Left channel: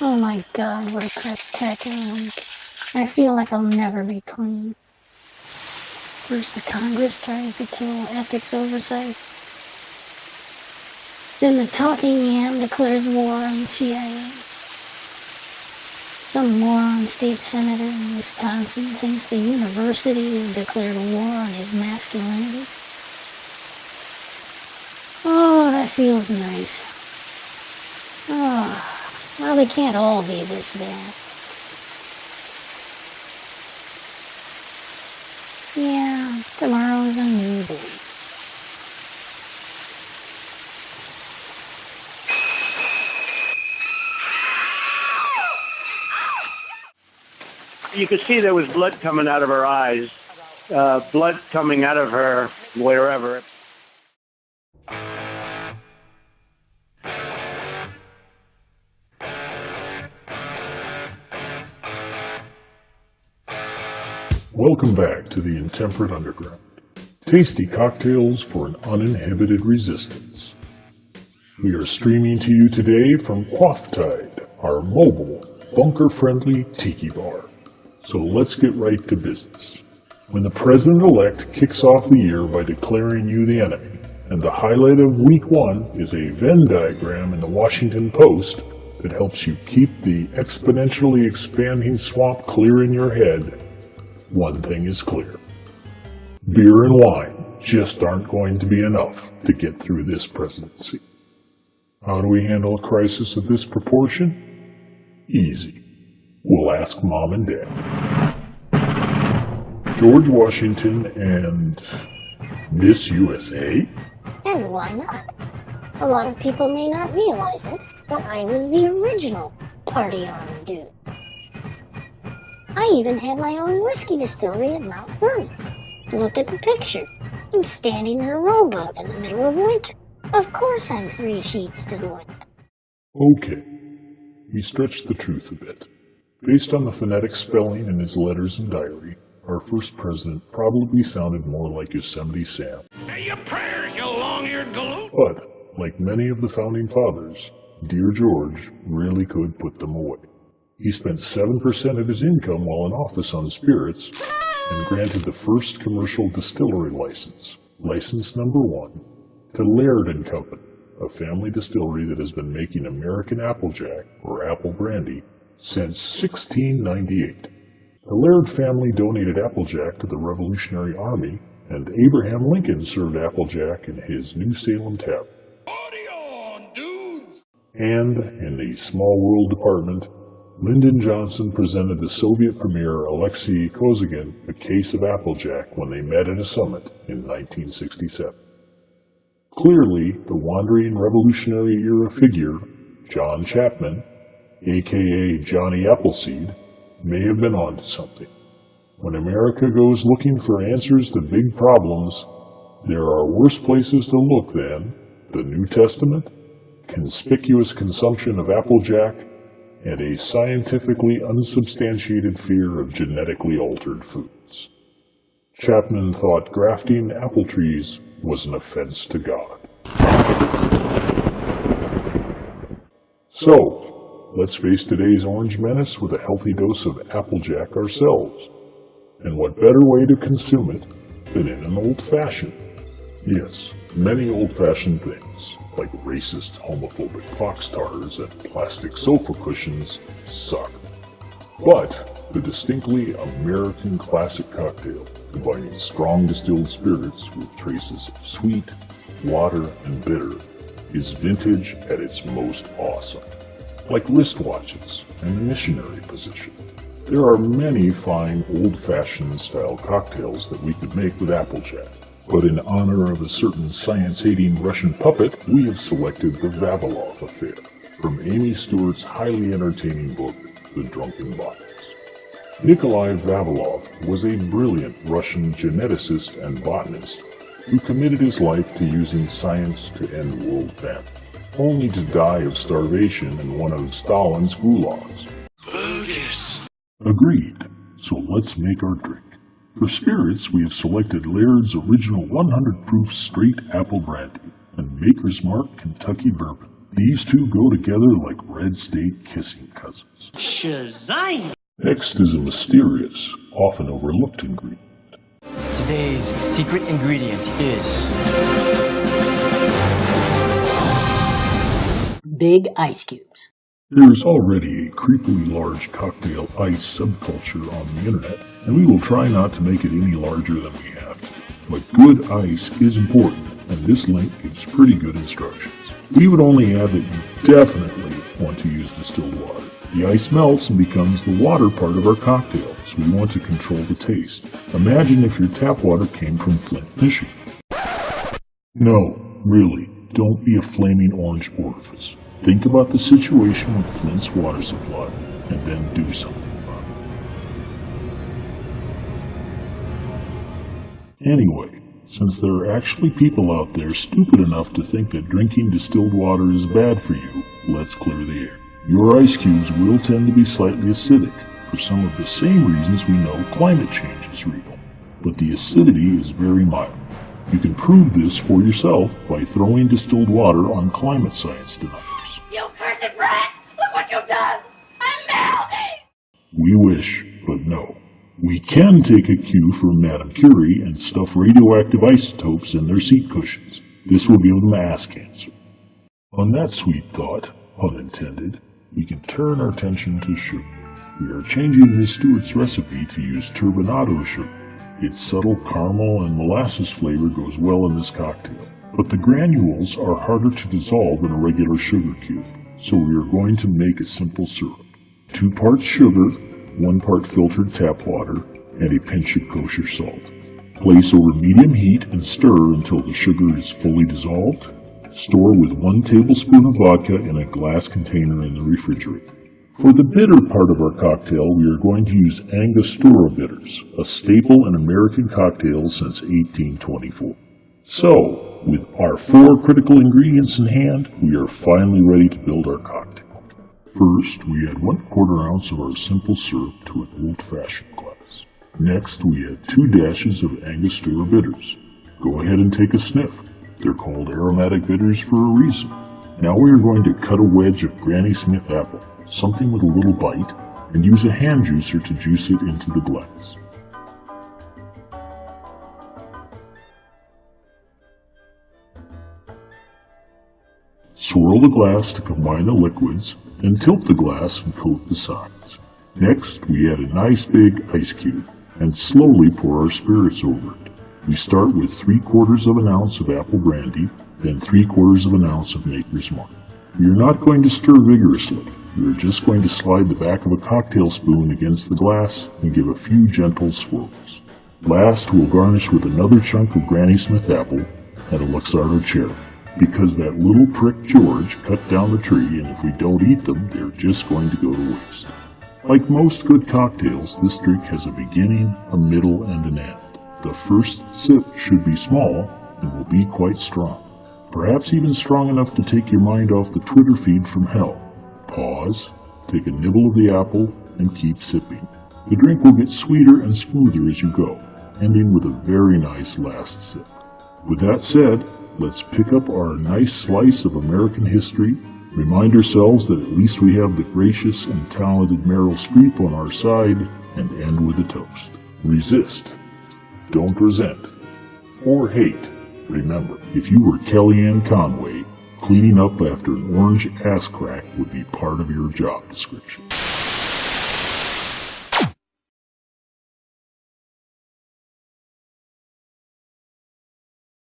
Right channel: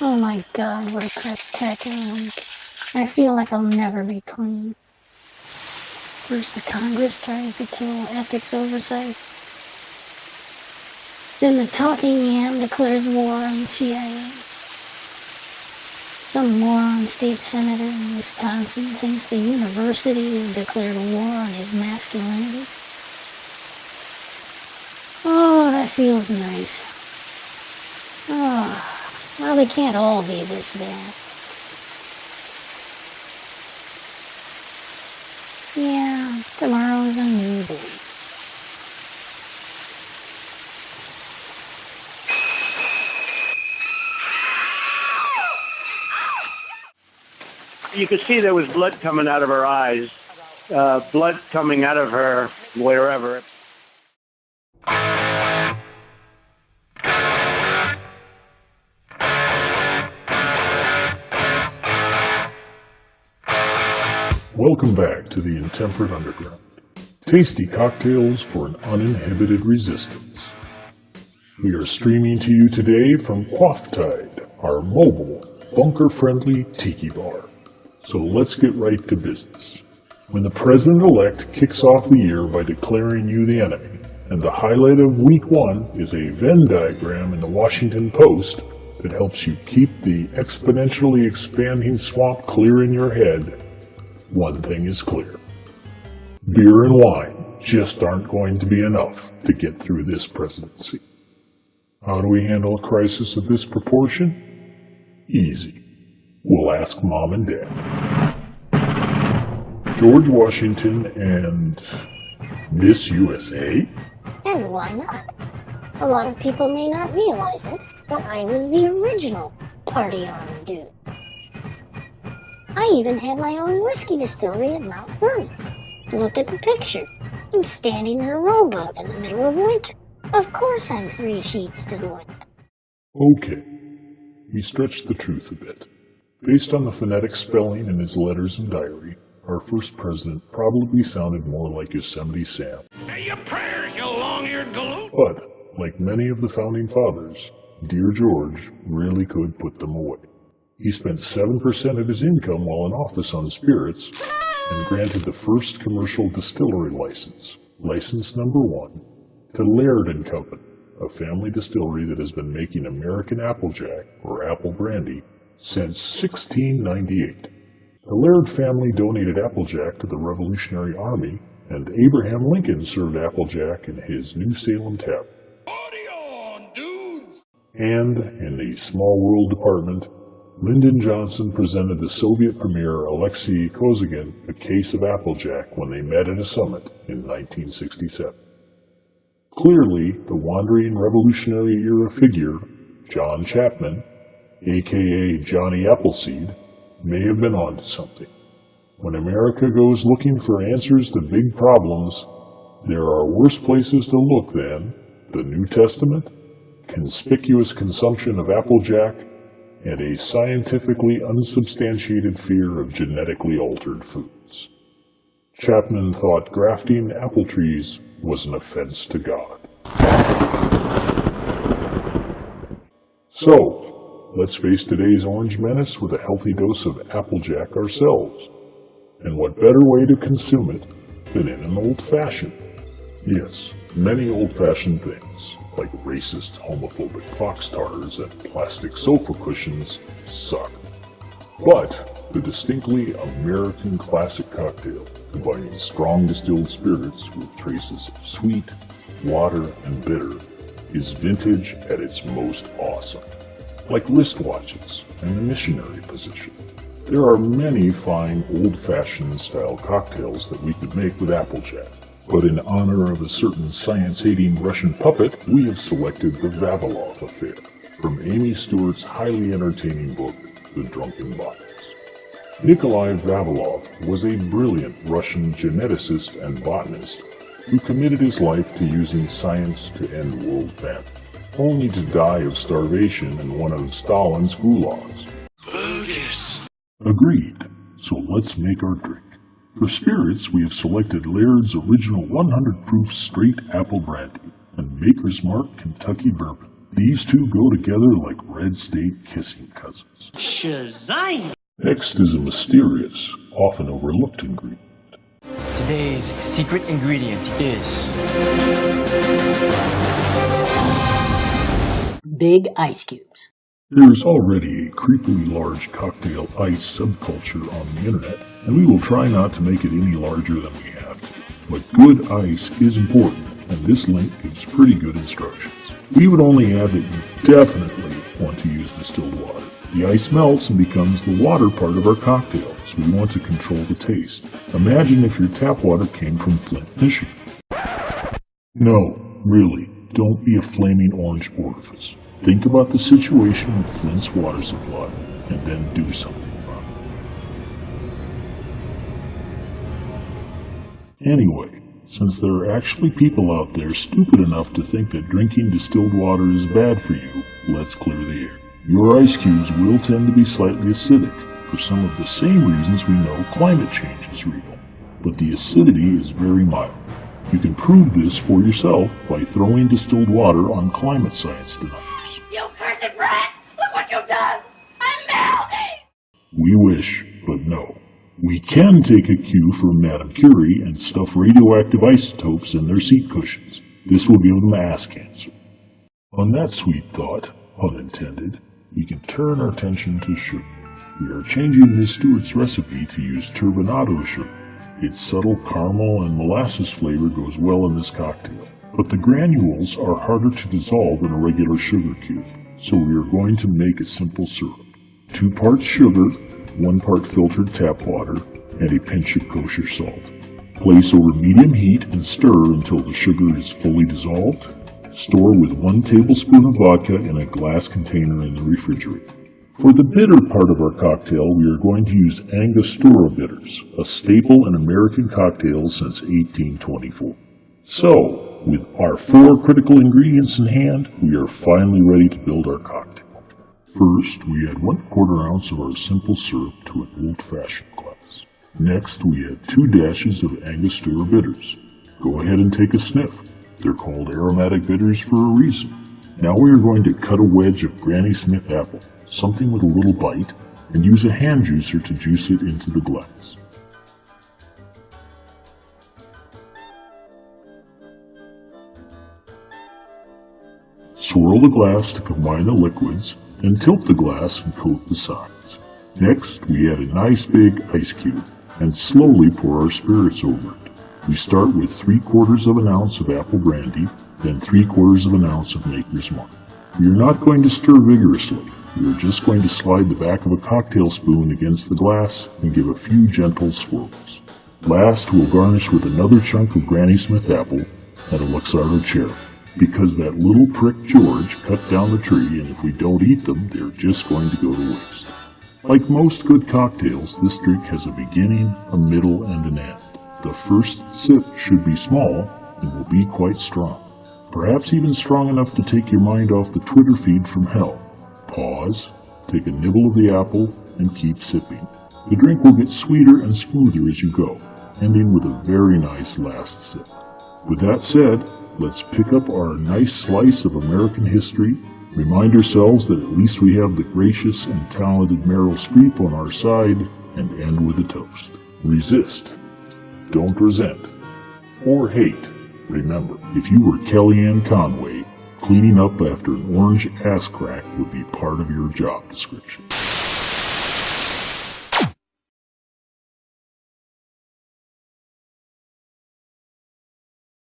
Oh my god, what a spectacular week. I feel like I'll never be clean. First the Congress tries to kill ethics oversight. Then the talking yam declares war on the CIA. Some moron state senator in Wisconsin thinks the university has declared war on his masculinity. Oh, that feels nice. Oh, well, they can't all be this bad. Yeah, tomorrow's a new day. You could see there was blood coming out of her eyes, blood coming out of her wherever. Welcome back to the Intemperate Underground. Tasty cocktails for an uninhibited resistance. We are streaming to you today from Quafftide, our mobile, bunker-friendly tiki bar. So let's get right to business. When the president-elect kicks off the year by declaring you the enemy, and the highlight of week one is a Venn diagram in the Washington Post that helps you keep the exponentially expanding swamp clear in your head, one thing is clear. Beer and wine just aren't going to be enough to get through this presidency. How do we handle a crisis of this proportion? Easy. We'll ask Mom and Dad. George Washington and Miss USA? And why not? A lot of people may not realize it, but I was the original party-on dude. I even had my own whiskey distillery at Mount Vernon. Look at the picture. I'm standing in a rowboat in the middle of winter. Of course I'm 3 sheets to the wind. Okay. We stretched the truth a bit. Based on the phonetic spelling in his letters and diary, our first president probably sounded more like Yosemite Sam. Say your prayers, you long-eared galoot! But, like many of the founding fathers, Dear George really could put them away. He spent 7% of his income while in office on spirits, and granted the first commercial distillery license, license number 1, to Laird & Company, a family distillery that has been making American Applejack, or Apple Brandy, since 1698. The Laird family donated Applejack to the Revolutionary Army, and Abraham Lincoln served Applejack in his New Salem tavern. Party on, dudes! And, in the small world department, Lyndon Johnson presented the Soviet Premier Alexei Kosygin a case of Applejack when they met at a summit in 1967. Clearly, the wandering Revolutionary era figure, John Chapman, a.k.a. Johnny Appleseed, may have been onto something. When America goes looking for answers to big problems, there are worse places to look than the New Testament, conspicuous consumption of Applejack, and a scientifically unsubstantiated fear of genetically altered foods. Chapman thought grafting apple trees was an offense to God. So, let's face today's orange menace with a healthy dose of Applejack ourselves. And what better way to consume it than in an old-fashioned? Yes, many old-fashioned things, like racist, homophobic foxtars and plastic sofa cushions, suck. But the distinctly American classic cocktail, combining strong distilled spirits with traces of sweet, water, and bitter, is vintage at its most awesome. Like wristwatches and the missionary position. There are many fine old-fashioned style cocktails that we could make with Applejack. But in honor of a certain science-hating Russian puppet, we have selected the Vavilov Affair, from Amy Stewart's highly entertaining book, The Drunken Bottles. Nikolai Vavilov was a brilliant Russian geneticist and botanist who committed his life to using science to end the old family, only to die of starvation in one of Stalin's gulags. Bogus. Agreed. So let's make our drink. For spirits, we have selected Laird's original 100 proof straight apple brandy, a Maker's Mark Kentucky bourbon, These two go together like red state kissing cousins. Shazam! Next is a mysterious, often overlooked ingredient. Today's secret ingredient is Big ice cubes. There is already a creepily large cocktail ice subculture on the internet, and we will try not to make it any larger than we have to. But good ice is important, and this link gives pretty good instructions. We would only add that you definitely want to use distilled water. The ice melts and becomes the water part of our cocktail, so we want to control the taste. Imagine if your tap water came from Flint, Michigan. No, really, don't be a flaming orange orifice. Think about the situation with Flint's water supply, and then do something about it. Anyway, since there are actually people out there stupid enough to think that drinking distilled water is bad for you, let's clear the air. Your ice cubes will tend to be slightly acidic, for some of the same reasons we know climate change is real. But the acidity is very mild. You can prove this for yourself by throwing distilled water on climate science deniers. You cursed brat! Look what you've done! I'm melting! We wish, but no. We can take a cue from Madame Curie and stuff radioactive isotopes in their seat cushions. This will give them ass cancer. On that sweet thought, pun intended, we can turn our attention to sugar. We are changing Miss Stewart's recipe to use Turbinado Syrup. Its subtle caramel and molasses flavor goes well in this cocktail, but the granules are harder to dissolve in a regular sugar cube, so we are going to make a simple syrup. 2 parts sugar, 1 part filtered tap water, and a pinch of kosher salt. Place over medium heat and stir until the sugar is fully dissolved. Store with 1 tablespoon of vodka in a glass container in the refrigerator. For the bitter part of our cocktail, we are going to use Angostura bitters, a staple in American cocktails since 1824. So, with our 4 critical ingredients in hand, we are finally ready to build our cocktail. First, we add 1/4 ounce of our simple syrup to an old-fashioned glass. Next, we add 2 dashes of Angostura bitters. Go ahead and take a sniff. They're called aromatic bitters for a reason. Now we are going to cut a wedge of Granny Smith apple, something with a little bite, and use a hand juicer to juice it into the glass. Swirl the glass to combine the liquids, then tilt the glass and coat the sides. Next, we add a nice big ice cube and slowly pour our spirits over it. We start with 3/4 ounce of Apple Brandy, then 3/4 ounce of Maker's Mark. We are not going to stir vigorously. We are just going to slide the back of a cocktail spoon against the glass and give a few gentle swirls. Last, we'll garnish with another chunk of Granny Smith apple and a Luxardo cherry, because that little prick George cut down the tree, and if we don't eat them, they're just going to go to waste. Like most good cocktails, this drink has a beginning, a middle, and an end. The first sip should be small and will be quite strong. Perhaps even strong enough to take your mind off the Twitter feed from hell. Pause, take a nibble of the apple, and keep sipping. The drink will get sweeter and smoother as you go, ending with a very nice last sip. With that said, let's pick up our nice slice of American history, remind ourselves that at least we have the gracious and talented Meryl Streep on our side, and end with a toast. Resist. Don't resent. Or hate. Remember, if you were Kellyanne Conway, cleaning up after an orange ass crack would be part of your job description.